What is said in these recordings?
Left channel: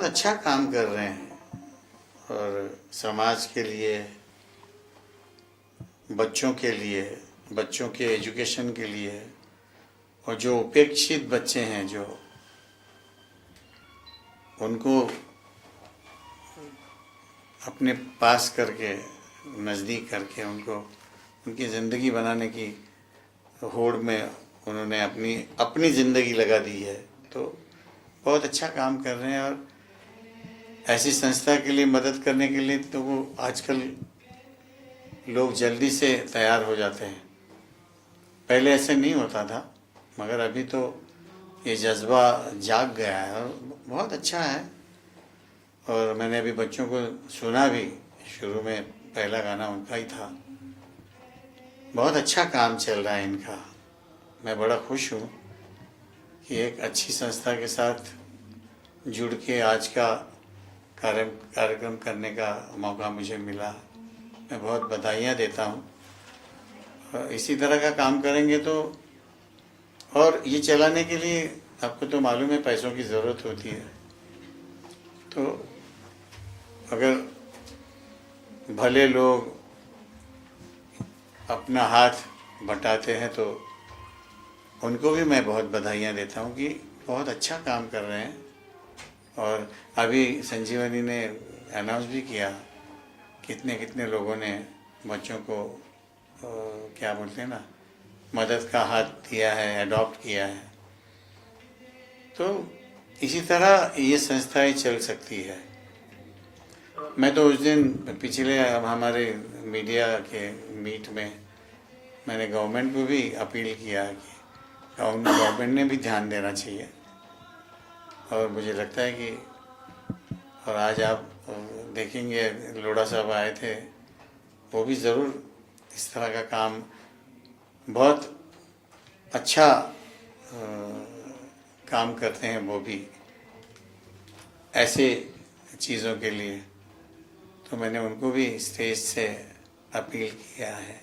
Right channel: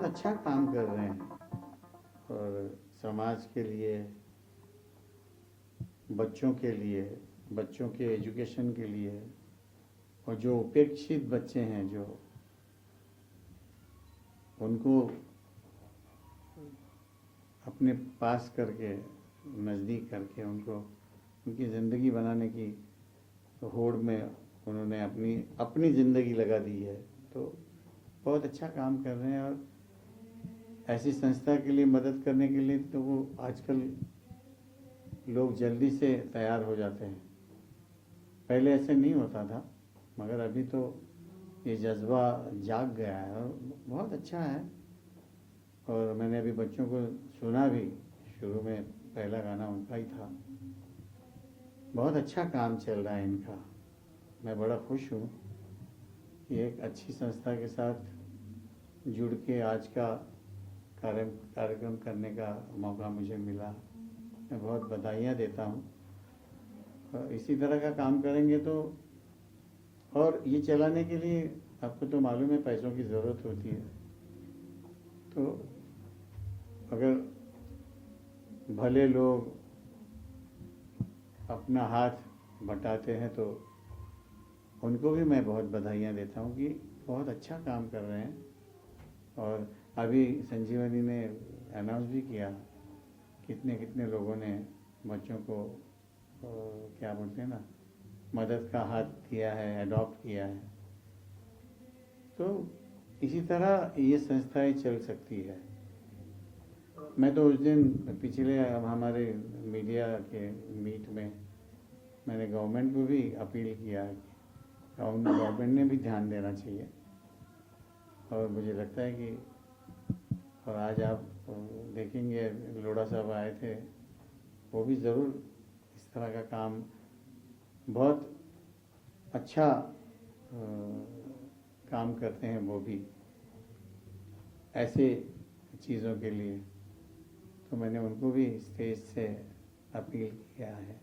बहुत अच्छा काम कर रहे हैं और समाज के लिए, बच्चों के लिए, बच्चों के एजुकेशन के लिए, और जो उपेक्षित बच्चे हैं जो उनको अपने पास करके, नज़दीक करके उनको उनकी ज़िंदगी बनाने की होड़ में उन्होंने अपनी ज़िंदगी लगा दी है। तो बहुत अच्छा काम कर रहे हैं और ऐसी संस्था के लिए मदद करने के लिए तो वो आजकल लोग जल्दी से तैयार हो जाते हैं। पहले ऐसे नहीं होता था, मगर अभी तो ये जज्बा जाग गया है और बहुत अच्छा है। और मैंने अभी बच्चों को सुना भी, शुरू में पहला गाना उनका ही था। बहुत अच्छा काम चल रहा है इनका। मैं बड़ा खुश हूँ कि एक अच्छी संस्था के साथ जुड़ के आज का कार्यक्रम करने का मौका मुझे मिला। मैं बहुत बधाइयाँ देता हूँ। इसी तरह का काम करेंगे तो, और ये चलाने के लिए आपको तो मालूम है पैसों की ज़रूरत होती है। तो अगर भले लोग अपना हाथ बटाते हैं तो उनको भी मैं बहुत बधाइयाँ देता हूँ कि बहुत अच्छा काम कर रहे हैं। और अभी संजीवनी ने अनाउंस भी किया, कितने कितने लोगों ने बच्चों को क्या बोलते हैं ना, मदद का हाथ दिया है, अडॉप्ट किया है। तो इसी तरह ये संस्थाएं चल सकती है। मैं तो उस दिन पिछले हमारे मीडिया के मीट में मैंने गवर्नमेंट को भी अपील किया कि गवर्नमेंट ने भी ध्यान देना चाहिए। और मुझे लगता है कि, और आज आप देखेंगे लोढ़ा साहब आए थे, वो भी ज़रूर इस तरह का काम बहुत अच्छा काम करते हैं वो भी ऐसे चीज़ों के लिए। तो मैंने उनको भी स्टेज से अपील किया है,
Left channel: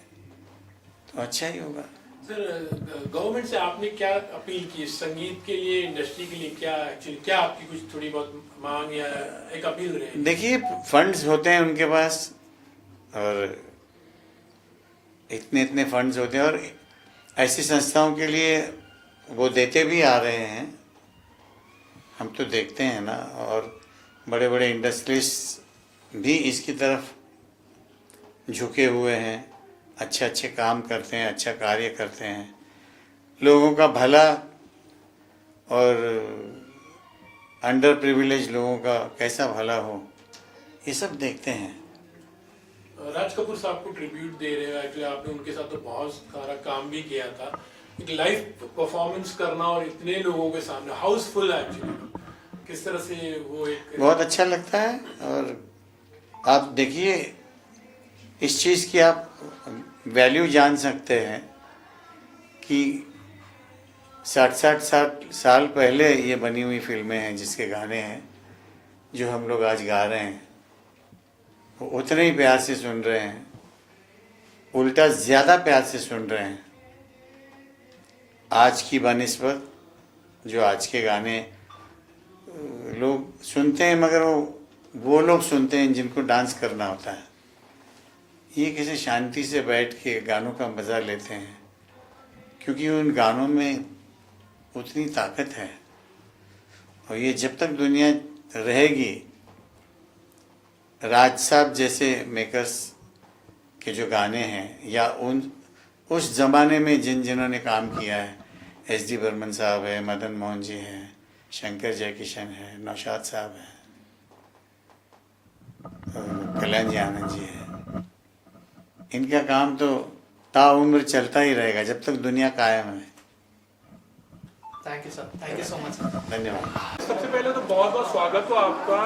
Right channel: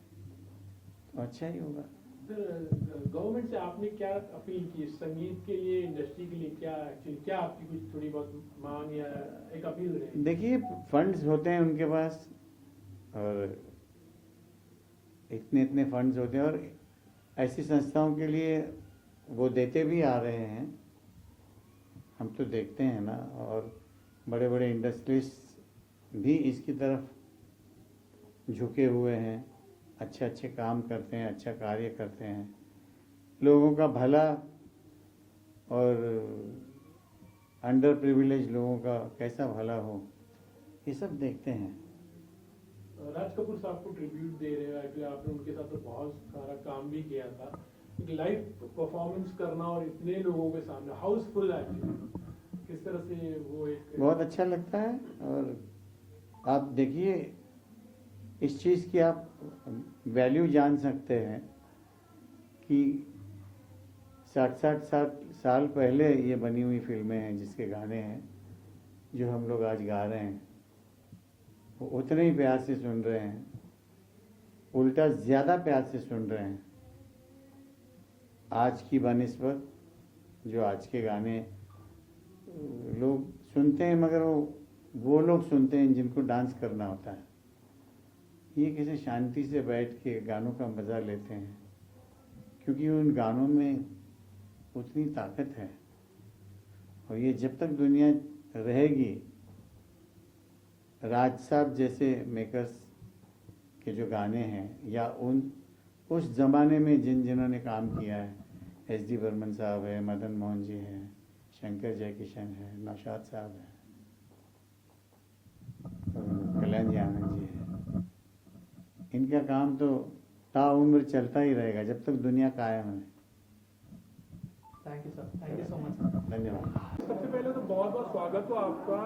तो अच्छा ही होगा। सर, गवर्नमेंट से आपने क्या अपील की संगीत के लिए, इंडस्ट्री के लिए? क्या एक्चुअली क्या आपकी कुछ थोड़ी बहुत मांग या एक अपील रही? देखिए, फंड्स होते हैं उनके पास और इतने इतने फंड्स होते हैं और ऐसी संस्थाओं के लिए वो देते भी आ रहे हैं। हम तो देखते हैं ना, और बड़े बड़े इंडस्ट्रियलिस्ट भी इसकी तरफ झुके हुए हैं, अच्छे अच्छे काम करते हैं, अच्छा कार्य करते हैं, लोगों का भला और अंडर प्रिविलेज लोगों का कैसा भला हो, ये सब देखते हैं। राज कपूर साहब को ट्रिब्यूट दे रहे हो, एक्चुअली आपने उनके साथ तो बहुत सारा काम भी किया था। एक लाइव परफॉर्मेंस करना और इतने लोगों के सामने हाउसफुल, एक्चुअली किस तरह से वो एक बहुत अच्छा लगता है। और आप देखिए, इस चीज़ की आप वैल्यू जान सकते हैं कि 60 साल पहले ये बनी हुई फिल्में हैं जिसके गाने हैं जो हम लोग आज गा रहे हैं, वो उतने ही प्यार से सुन रहे हैं, उल्टा ज़्यादा प्यार से सुन रहे हैं आज की बनिस्बत। जो आज के गाने लोग सुनते हैं, मगर वो लोग सुनते हैं जिनको डांस करना होता है। ये कैसे शांति से बैठ के गानों का मज़ा लेते हैं, क्योंकि उन गानों में उतनी ताकत है। और ये जब तक दुनिया रहेगी, राज साहब जैसे मेकर्स के जो गाने हैं, या उस ज़माने में जिन्होंने काम किया है, एस.डी. बर्मन साहब है, मदन मोहन जी हैं, शंकर जयकिशन है, नौशाद साहब हैं, कल्याण जी आनंद जी हैं, इनका काम तो ताउम्र चलता ही रहेगा जब तक दुनिया कायम है। Thank you sir, thank you so much. धन्यवाद। सबसे पहले तो बहुत बहुत स्वागत हो आपका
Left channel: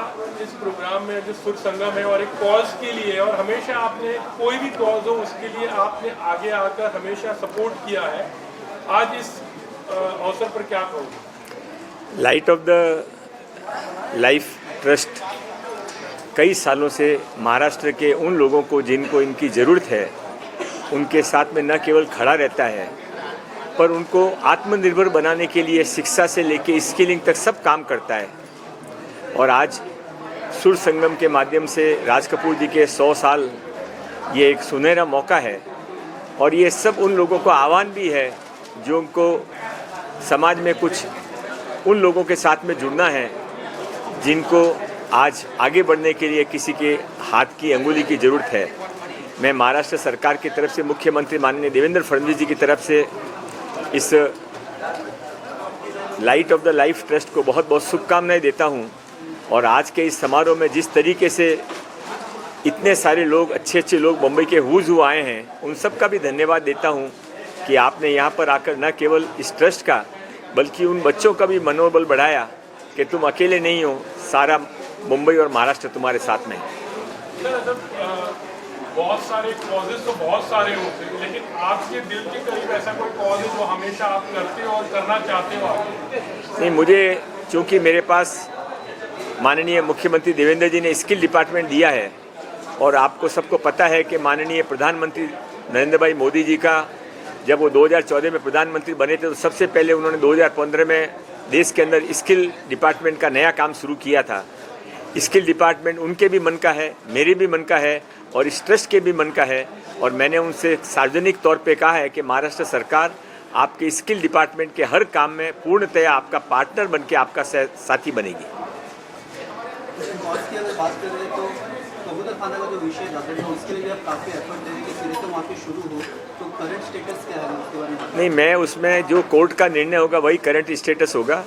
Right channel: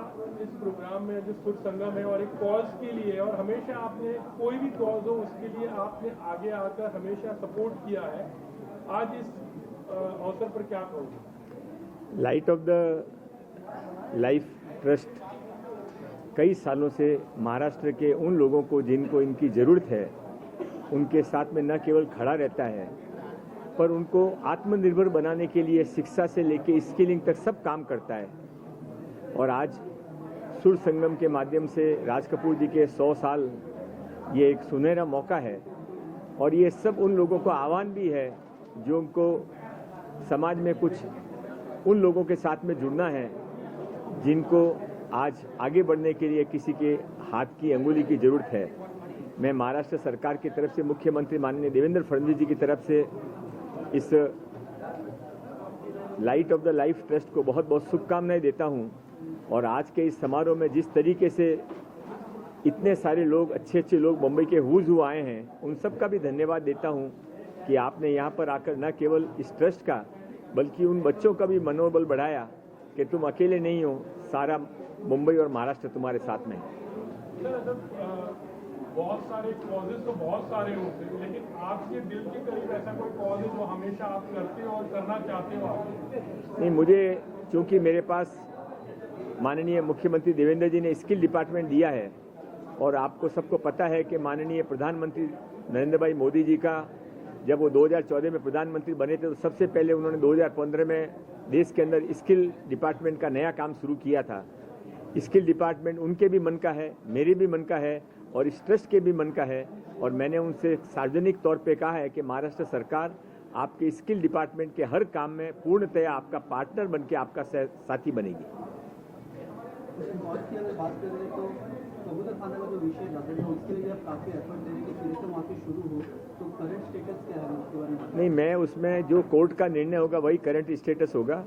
इस प्रोग्राम में जो सुर संगम है, और एक कॉज के लिए, और हमेशा आपने कोई भी कॉज हो उसके लिए आपने आगे आकर हमेशा सपोर्ट किया है। आज इस अवसर पर क्या कहोगे? Light of the life trust कई सालों से महाराष्ट्र के उन लोगों को जिनको इनकी ज़रूरत है उनके साथ में न केवल खड़ा रहता है, पर उनको आत्मनिर्भर बनाने के लिए शिक्षा से लेके स्किलिंग तक सब काम करता है। और आज सुर संगम के माध्यम से राज कपूर जी के 100 साल, ये एक सुनहरा मौका है। और ये सब उन लोगों को आह्वान भी है जो उनको समाज में कुछ उन लोगों के साथ में जुड़ना है जिनको आज आगे बढ़ने के लिए किसी के हाथ की अंगुली की ज़रूरत है। मैं महाराष्ट्र सरकार की तरफ से, मुख्यमंत्री माननीय देवेंद्र फडणवीस जी की तरफ से इस light of the life trust को बहुत बहुत शुभकामनाएं देता हूं। और आज के इस समारोह में जिस तरीके से इतने सारे लोग, अच्छे अच्छे लोग मुंबई के हुज हु आए हैं, उन सब का भी धन्यवाद देता हूं कि आपने यहाँ पर आकर न केवल इस ट्रस्ट का बल्कि उन बच्चों का भी मनोबल बढ़ाया कि तुम अकेले नहीं हो, सारा मुंबई और महाराष्ट्र तुम्हारे साथ में है। बहुत सारे कॉजेज तो बहुत सारे होते हैं, लेकिन आपके दिल के करीब ऐसा कोई कॉज है जो हमेशा आप करते हो और करना चाहते हो आगे? नहीं, मुझे चूँकि मेरे पास माननीय मुख्यमंत्री देवेंद्र जी ने स्किल डिपार्टमेंट दिया है और आपको सबको पता है कि माननीय प्रधानमंत्री नरेंद्र भाई मोदी जी का जब वो 2014 में प्रधानमंत्री बने थे तो सबसे पहले उन्होंने 2015 में देश के अंदर स्किल डिपार्टमेंट का नया काम शुरू किया था। स्किल डिपार्टमेंट उनके भी मन का है, मेरे भी मन का है और इस ट्रस्ट के भी मन का है। और मैंने उनसे सार्वजनिक तौर पे कहा है कि महाराष्ट्र सरकार आपके स्किल डिपार्टमेंट के हर काम में पूर्णतया आपका पार्टनर बन के आपका साथी बनेगी। की अगर बात कर रहे हैं तो कबूतर खाना का जो विषय जाता है उसके लिए आप काफ़ी एफर्ट दे रहे हैं कि फिर से वहाँ पे शुरू हो, तो करंट स्टेटस क्या है उसके बारे में? नहीं, मैं उसमें जो कोर्ट का निर्णय होगा वही करंट स्टेटस होगा।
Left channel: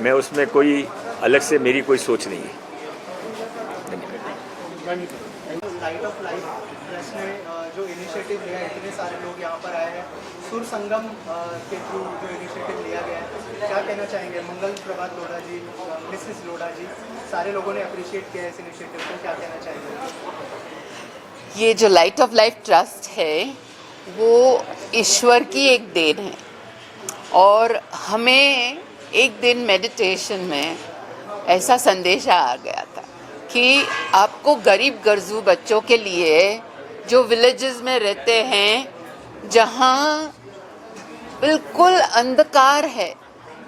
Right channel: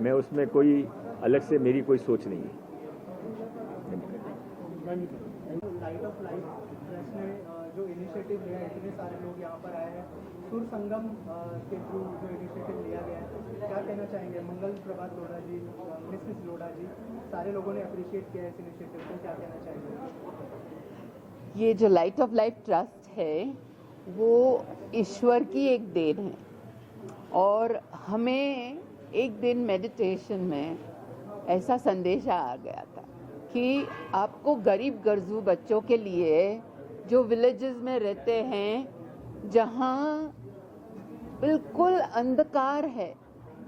मैं उसमें कोई अलग से मेरी कोई सोच नहीं है। लाइट ऑफ लाइफ ट्रस्ट ने जो इनिशिएटिव लिया है, इतने सारे लोग यहाँ पर आए हैं, सुर संगम के थ्रू जो इनिशिएटिव लिया गया है, क्या कहना चाहेंगे? मंगल प्रभात लोढ़ा जी, मिसेस लोढ़ा जी, सारे लोगों ने अप्रिशिएट किया है इस इनिशिएटिव को, क्या कहना चाहेंगे? ये जो लाइट ऑफ लाइफ ट्रस्ट है वो ईश्वर की एक देन है और हमें एक दिन मेडिटेशन में ऐसा संदेश आ गया था कि आपको गरीब गर्जू बच्चों के लिए जो विलेजेस में रहते हैं, जहाँ बिल्कुल अंधकार है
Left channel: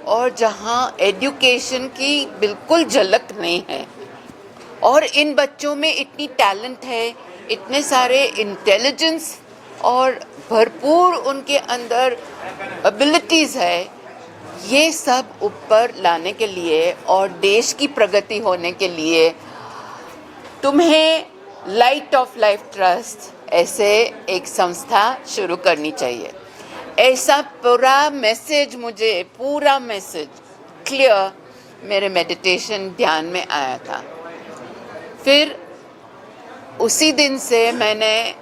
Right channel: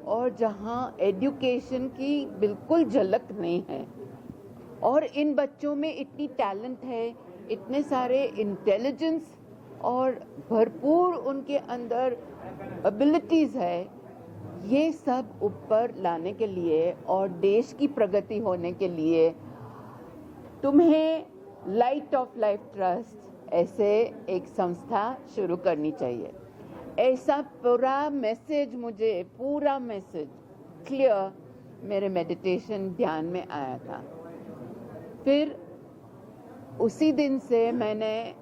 और जहाँ एजुकेशन की बिल्कुल झलक नहीं है, और इन बच्चों में इतनी टैलेंट है, इतने सारे इंटेलिजेंस और भरपूर उनके अंदर एबिलिटीज़ है, ये सब ऊपर लाने के लिए और देश की प्रगति होने के लिए तुम्हें लाइट ऑफ लाइफ ट्रस्ट ऐसे एक संस्था शुरू करनी चाहिए। ऐसा पूरा मैसेज क्लियर मेरे मेडिटेशन ध्यान में आया था। फिर उसी दिन से मैंने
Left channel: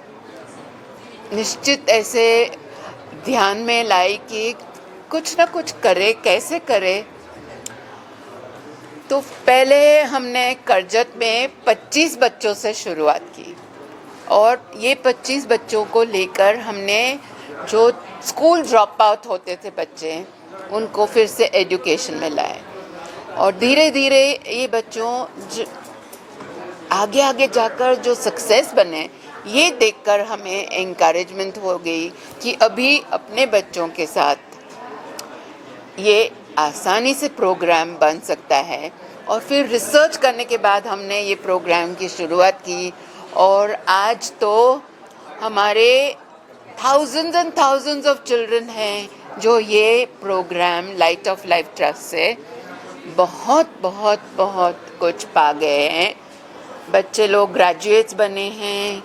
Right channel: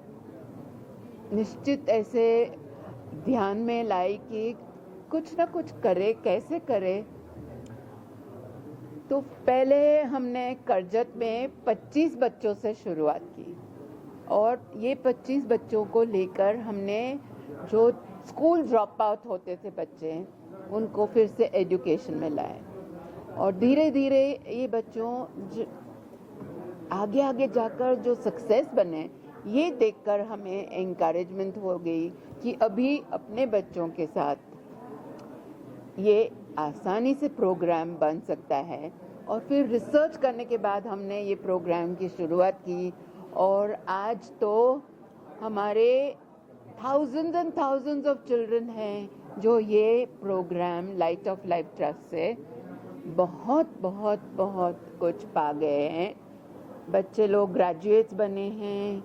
निश्चित ऐसे ध्यान में लाई कि कुछ ना कुछ करे, कैसे करे। तो पहले हमने करजत में 25 बच्चों से शुरुआत की और ये 25 बच्चों को लेकर हमने जो स्कूल ड्रॉप आउट होते थे बच्चे, उनको फिर से एजुकेशन में लाए और धीरे धीरे ये बच्चों आगे आगे जाकर जो सक्सेस बने, ये देखकर हमें एनकरेजमेंट हो गई कि अभी अपने बच्चों के साथ ये आसानी से प्रोग्राम बन सकता है। और फिर रिसर्च करने के बाद हमने ये प्रोग्राम की शुरुआत की और आज तो हमारे thousands and thousands of children हैं जो ये programme Light of Life Trust से बहुत बहुत बहुत कुछ पा गए हैं। बच्चे लोग ग्रेजुएट्स बने हैं,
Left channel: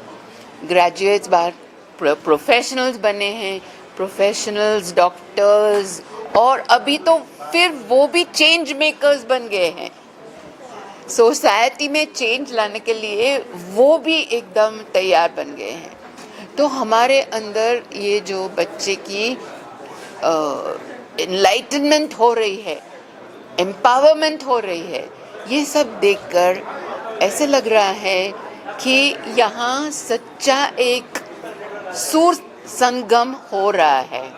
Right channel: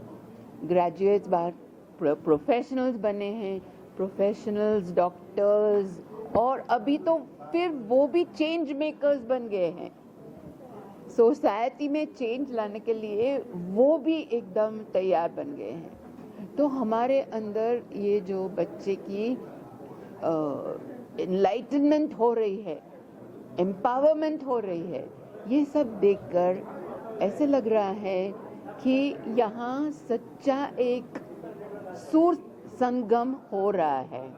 ग्रेजुएट्स बाहर प्रोफेशनल्स बने हैं, प्रोफेशनल्स डॉक्टर्स, और अभी तो फिर वो भी चेंज मेकर्स बन गए हैं। सोसाइटी में चेंज लाने के लिए वो भी एकदम तैयार बन गए हैं। तो हमारे अंदर ये जो बच्चे की एनलाइटनमेंट हो रही है, एम्पावरमेंट हो रही है, ये सब देखकर ऐसे लग रहा है कि यहाँ सच्चा एक सुर संगम हो रहा है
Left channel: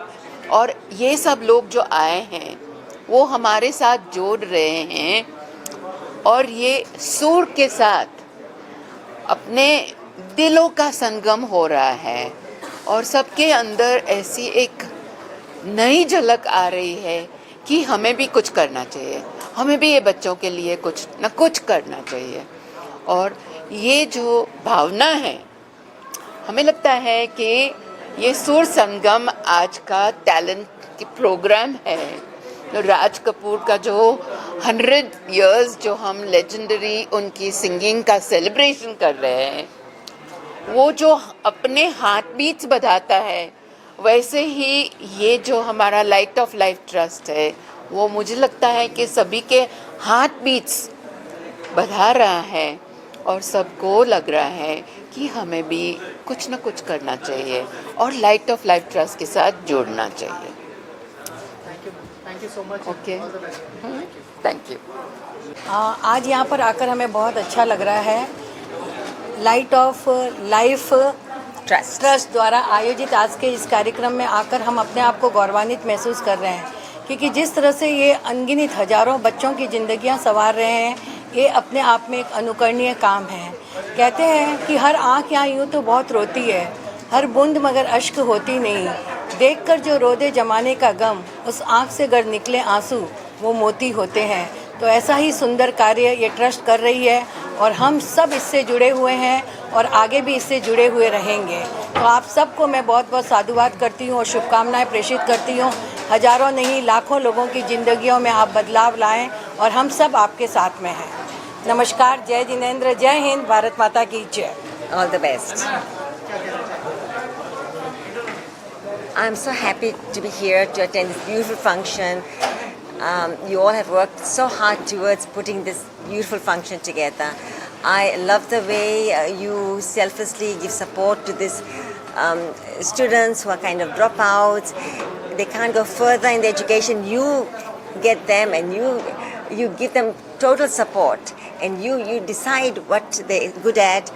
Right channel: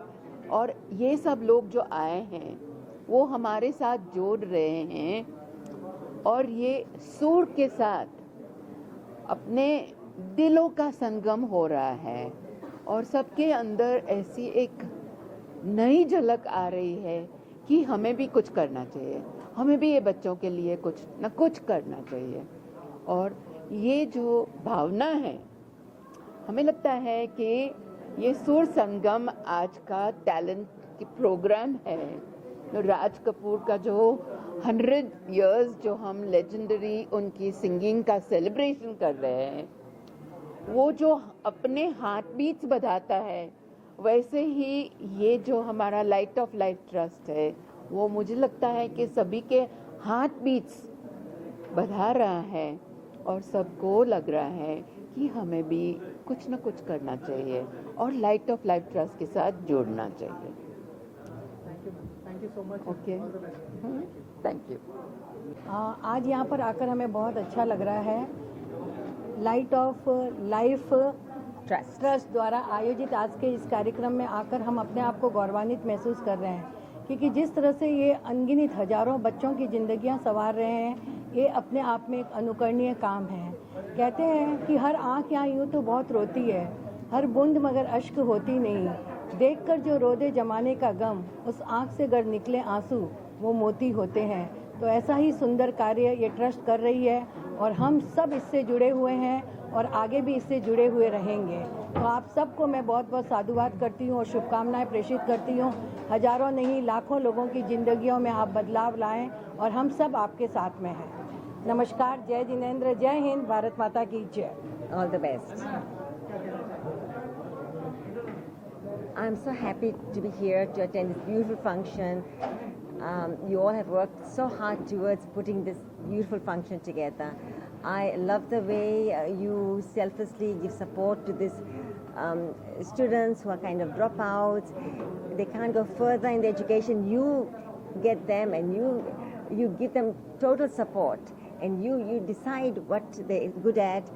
और ये सब लोग जो आए हैं वो हमारे साथ जोड़ रहे हैं और ये सुर के साथ अपने दिलों का संगम हो रहा है और सबके अंदर ऐसी एक नई झलक आ रही है कि हमें भी कुछ करना चाहिए, हमें भी ये बच्चों के लिए कुछ न कुछ करना चाहिए। और ये जो भावना है, हमें लगता है कि ये सुर संगम आज का टैलेंट की प्रोग्राम है। तो राज कपूर का जो 100 इयर्स जो हम लेजेंडरी उनकी सिंगिंग का सेलिब्रेशन कर रहे हैं, वो जो अपने हार्ट बीट्स बढ़ाता है, वैसे ही ये जो हमारा लाइट ऑफ लाइफ ट्रस्ट है, वो मुझे लगता है कि सभी के हार्ट बीट्स बढ़ा रहा है और सबको लग रहा है कि हमें भी कुछ न कुछ करना चाहिए और लाइट ऑफ लाइफ ट्रस्ट के साथ जुड़ना चाहिए। Thank you so much. Okay, thank you. आज यहाँ पर आकर हमें बहुत अच्छा लग रहा है। लाइट ऑफ लाइफ ट्रस्ट द्वारा आयोजित आज के इस कार्यक्रम में आकर हम अपने आप को गौरवान्वित महसूस कर रहे हैं, क्योंकि जिस तरह से ये अनगिनत हजारों बच्चों की ज़िंदगियाँ संवार रहे हैं, ये अपने आप में एक अनुकरणीय काम है। कहते हैं कि हर आँख यहाँ यूँ तो बहुत रोती है, हर बूंद मगर अश्क होती नहीं। देखकर जो रोदे जमाने का गम, उस आँख से गर निकले आंसू वो मोती होते हैं। तो ऐसा ही सुंदर कार्य ये ट्रस्ट कर रही है और हम सब इससे जुड़े हुए हैं और आगे भी इससे जुड़े हुए रहेंगे। तो आप सबको मैं बहुत बहुत साधुवाद करती हूँ और शुभकामनाएं प्रेषित करती हूँ। हजारों नहीं लाखों लोगों की ज़िंदगियों में आप बदलाव लाएं और हम सब आपके साथ में हैं। नमस्कार, जय जिनेंद्र, जय हिंद, भारत माता की जय। All the best. I'm so happy to be here to attend this beautiful function. You all have worked so hard towards putting this beautiful function together. I love the way you selflessly give support to these students who are kind of dropouts. They can't go further in the education. You get them and you give them total support, and you decide what they're good at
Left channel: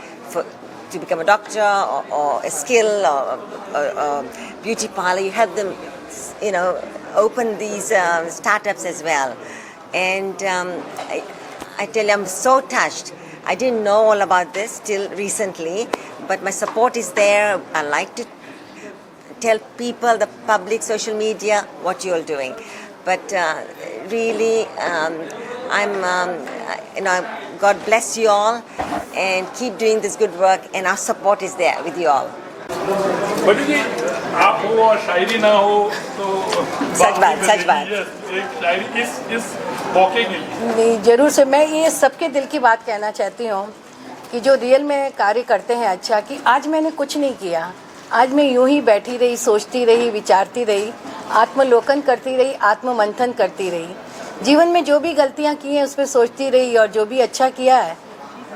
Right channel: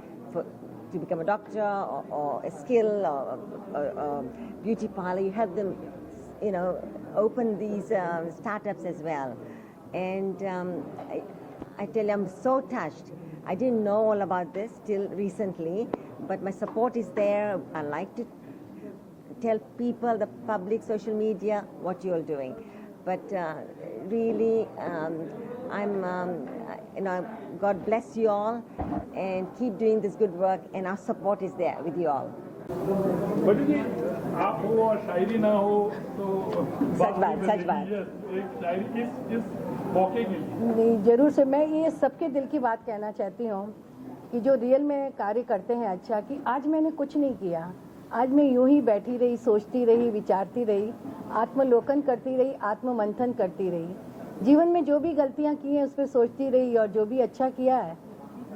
to become a doctor or a skill or a beauty parlor. You help them, open these startups as well. And I tell you, I'm so touched. I didn't know all about this till recently, but my support is there. I like to tell people, the public, social media, what you're doing. But really, God bless you all and keep doing this good work, and our support is there with you all. बड़ी जी, आप हो और शायरी ना हो तो सच बात। एक शायरी इस मौके के लिए नहीं, जरूर से मैं ये सबके दिल की बात कहना चाहती हूँ कि जो रियल में कार्य करते हैं अच्छा, कि आज मैंने कुछ नहीं किया, आज मैं यूं ही बैठी रही, सोचती रही, विचारती रही, आत्मलोकन करती रही, आत्ममंथन करती रही। जीवन में जो भी गलतियाँ की हैं उस पर सोचती रही और जो भी अच्छा किया है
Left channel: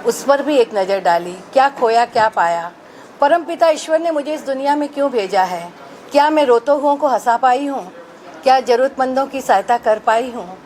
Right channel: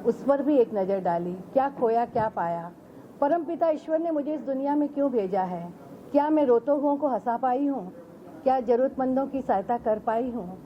उस पर भी एक नज़र डाली। क्या खोया क्या पाया, परमपिता ईश्वर ने मुझे इस दुनिया में क्यों भेजा है, क्या मैं रोते हुओं को हंसा पाई हूँ, क्या ज़रूरतमंदों की सहायता कर पाई हूँ।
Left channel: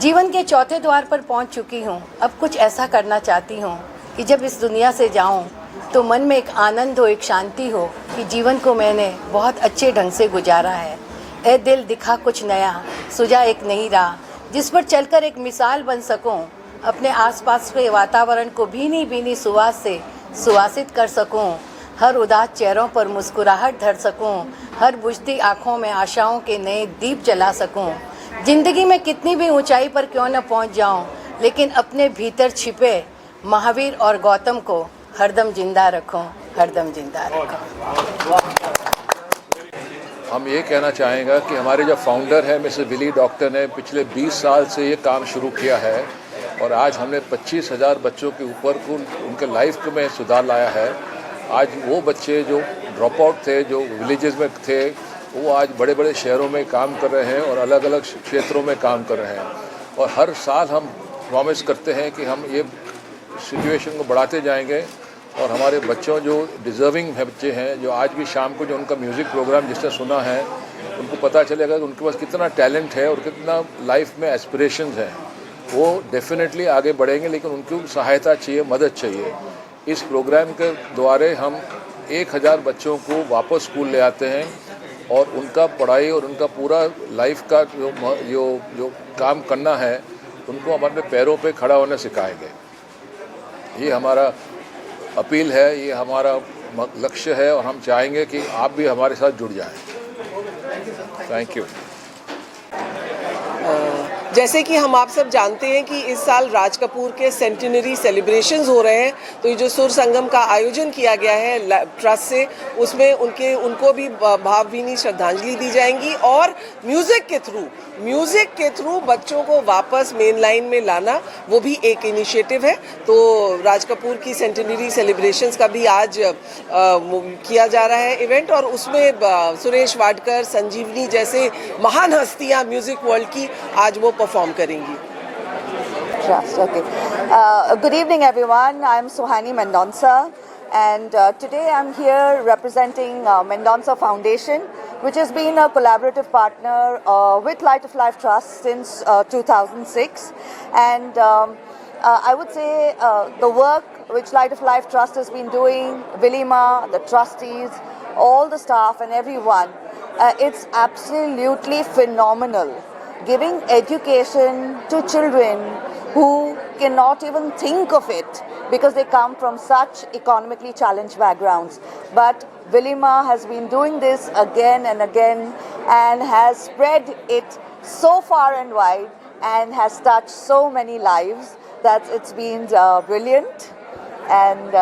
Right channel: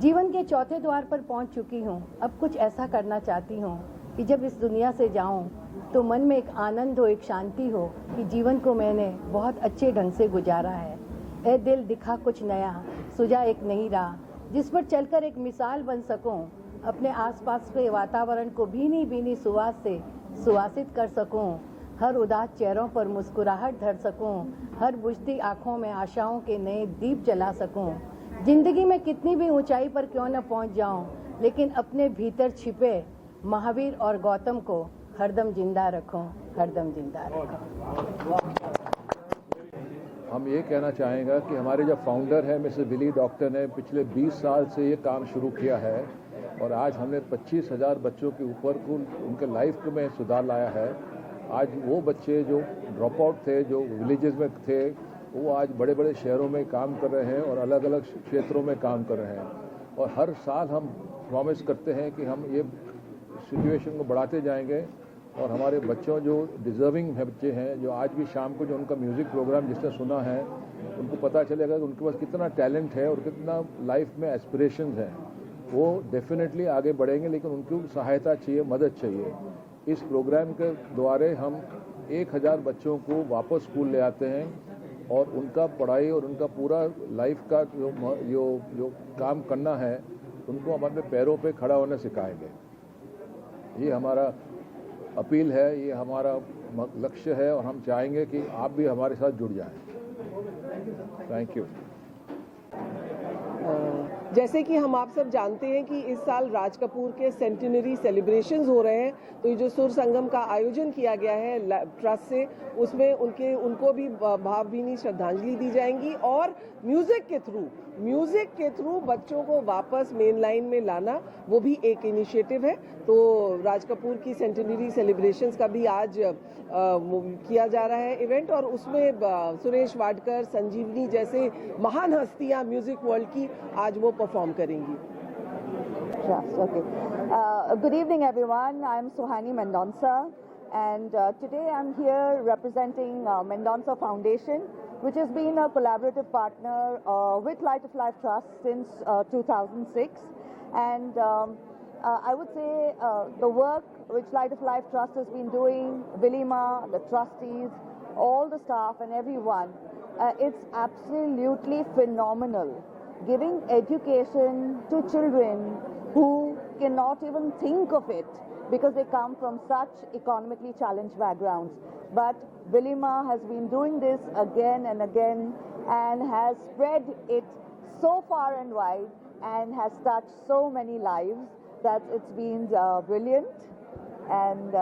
जीवन के चौथे द्वार पर पहुँच चुकी हूँ। अब कुछ ऐसा करना चाहती हूँ कि जब इस दुनिया से जाऊँ तो मन में एक आनंद हो, एक शांति हो कि जीवन को मैंने बहुत अच्छे ढंग से गुजारा है। ए दिल दिखा कुछ नया, सुझा एक नई राह, जिस पर चलकर एक मिसाल बन सकूं, अपने आसपास के वातावरण को भीनी भीनी सुवास से सुवासित कर सकूं, हर उदास चेहरों पर मुस्कुराहट धर सकूं, हर बुझती आँखों में आशाओं के नए दीप जला सकूं। जिंदगी में कितनी भी ऊंचाई पर क्यों न पहुंच जाऊं, लेकिन अपने भीतर छिपे महावीर और गौतम को हरदम जिंदा रखूं, हरदम जिंदा रखूं। हम ये कहना चाहेंगे कि हमारे जो फाउंडर है मिसेस विली डॉक्टर ने पिछले 20 साल से ये काम शुरू किया है और आज हमने 25,000 बच्चों के ऊपर को उनके लाइफ में सुधार लाया है। आज वो बच्चे जो ड्रॉप आउट थे, जो विलेजेस में थे, वो आज बड़े बड़े शहरों में काम कर रहे हैं और अलग अलग क्षेत्रों में काम कर रहे हैं। और हर साल हम प्रॉमिस करते हैं कि हम ये सिचुएशन को बढ़ाते जाएंगे और हमारे बच्चों जो डिज़र्विंग बच्चे हैं, जो आज भी शाम को जो उनका म्यूज़िक प्रोग्राम जिसने सुना है, उनको पता चलेगा कि उनके पास कितना टैलेंट है और कितना लाइफ में एस्पिरेशंस हैं। वो डेफिनेटली आगे बढ़ेंगे, लेकिन उनको सहायता चाहिए, मदद चाहिए। इस प्रोग्राम के द्वारा हम 1000 बच्चों को वापस स्कूल ले आते हैं और उनका पढ़ाई और उनका पूरा लाइफ का जो काम करना है, उनको हम अपने पैरों पे खड़ा होने सिखाएंगे। ये हमारा अपील है, ये हमारा लक्ष्य है और हम चाहेंगे कि आप भी हमारे साथ जुड़ जाएं। Thank you. जैसे कि हम आप सब जानते हैं कि इस साल राज कपूर के सेंटिनरी सेलिब्रेशंस हो रहे हैं, तो ये जो सुर संगम का आयोजन किया गया है ट्रस्ट से, उसमें उनको भी भावभीनी श्रद्धांजलि दी जाएंगी और म्यूज़िक के थ्रू बच्चों को वापस मेन लाइन में लाना, वो भी एक इनिशिएटिव है। तो राज कपूर की सेंटिनरी सेलिब्रेशंस का भी आज किया जा रहा है इवेंट, और उसमें सुरेश वाडकर, संजीवनी जैसे महान हस्तियां म्यूजिक वर्ल्ड की आज वो परफॉर्म करेंगी। Trust, okay. Good evening, everyone. I'm Suhani Mendonca, and today I'm here representing Mendonca Foundation, which has been a collaborative partner with Light of Life Trust since 2006. And I would say the work which Light of Life Trust has been doing, Vilima, the trustees, all the staff and everyone, it's absolutely phenomenal. Giving education to children who cannot even think of it because they come from such economically challenged backgrounds. But Vilima has been doing this again and again and has spread it so far and wide and has touched so many lives that it's been brilliant. And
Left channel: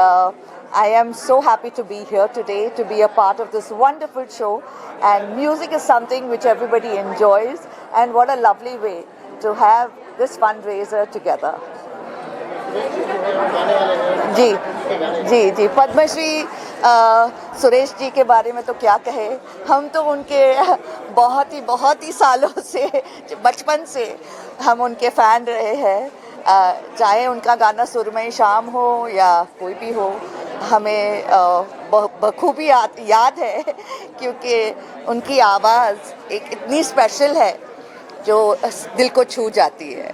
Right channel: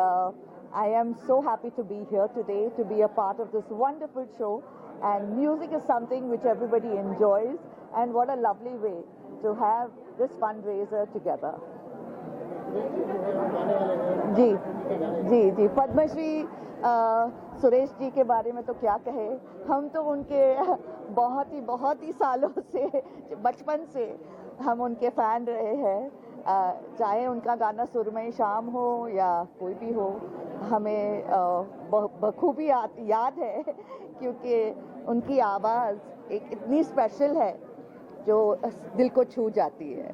I am so happy to be here today, to be a part of this wonderful show. And music is something which everybody enjoys, and what a lovely way to have this fundraiser together. जी जी जी पद्मश्री सुरेश जी के बारे में तो क्या कहे, हम तो उनके बहुत ही सालों से, बचपन से हम उनके फ़ैन रहे हैं। चाहे उनका गाना सुरमई शाम हो या कोई भी हो, हमें बखूबी याद है, क्योंकि उनकी आवाज़ एक इतनी स्पेशल है जो दिल को छू जाती है।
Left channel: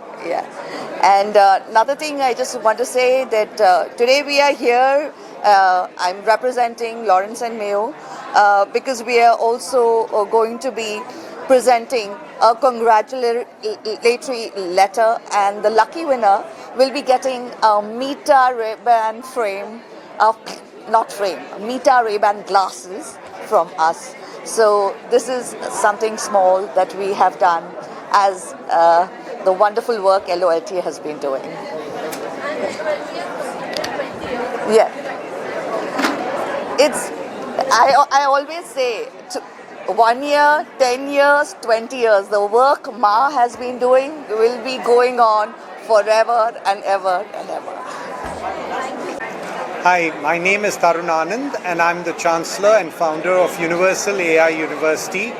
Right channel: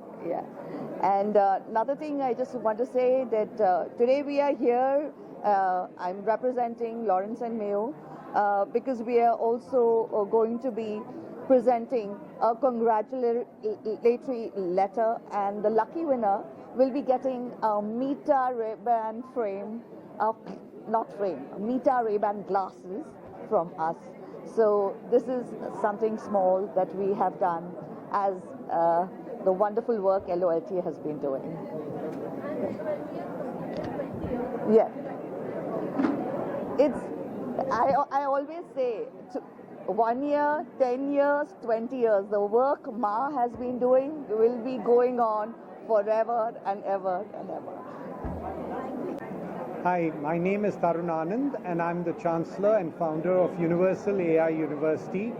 And another thing I just want to say that today we are here, I'm representing Lawrence and Mayo because we are also going to be presenting a congratulatory letter, and the lucky winner will be getting a Meta Ray-Ban frame, Meta Ray-Ban glasses from us. So this is something small that we have done as the wonderful work LOLT has been doing. Yeah. I always say, 1 year, 10 years, 20 years, the work Ma has been doing will be going on forever and ever and ever. Hi, my name is Tarun Anand, and I'm the Chancellor and founder of Universal AI University,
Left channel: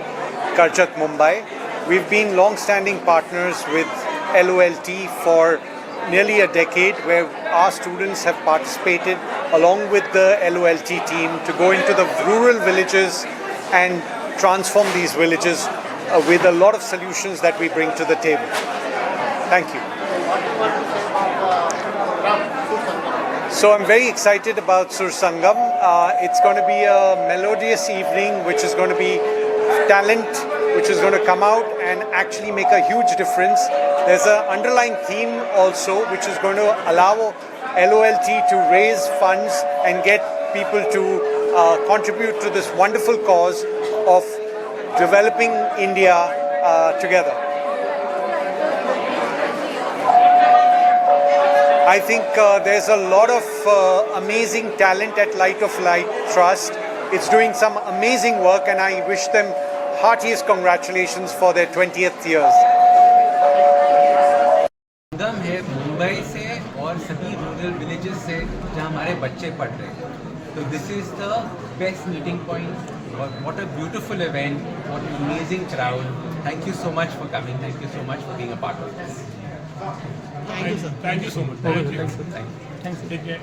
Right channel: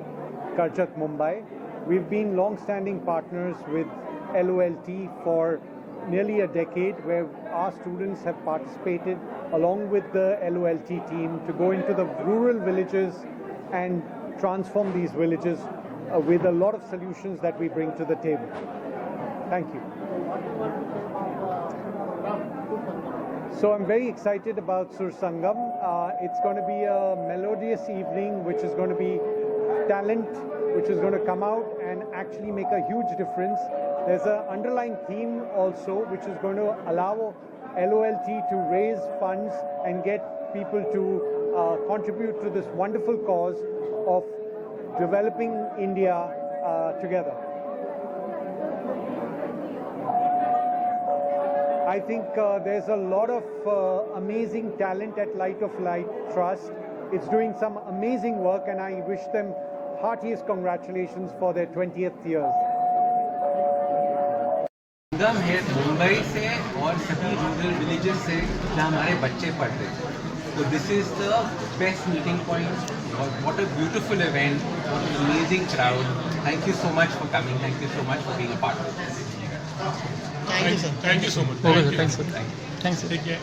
Karjat, Mumbai. We've been long-standing partners with LOLT for nearly a decade, where our students have participated along with the LOLT team to go into the rural villages and transform these villages with a lot of solutions that we bring to the table. Thank you. So I'm very excited about Sur Sangam. It's going to be a melodious evening, which is going to be talent, which is going to come out and actually make a huge difference. There's an underlying theme also, which is going to allow LOLT to raise funds and get people to contribute to this wonderful cause of developing India together. I think there's a lot of amazing talent at Light of Light Trust. It's doing some amazing work, and I wish them heartiest congratulations for their 20th years. संगम है मुंबई से और सभी rural villages से जहाँ हमारे बच्चे पढ़ रहे हैं, तो this is the best meeting point. What a beautiful event, what an amazing crowd. Thank you so much for coming. Thank you so much for being a part of this. Thank you, sir. Thank you so much. Okay, thanks, sir. Thanks, sir. Take care.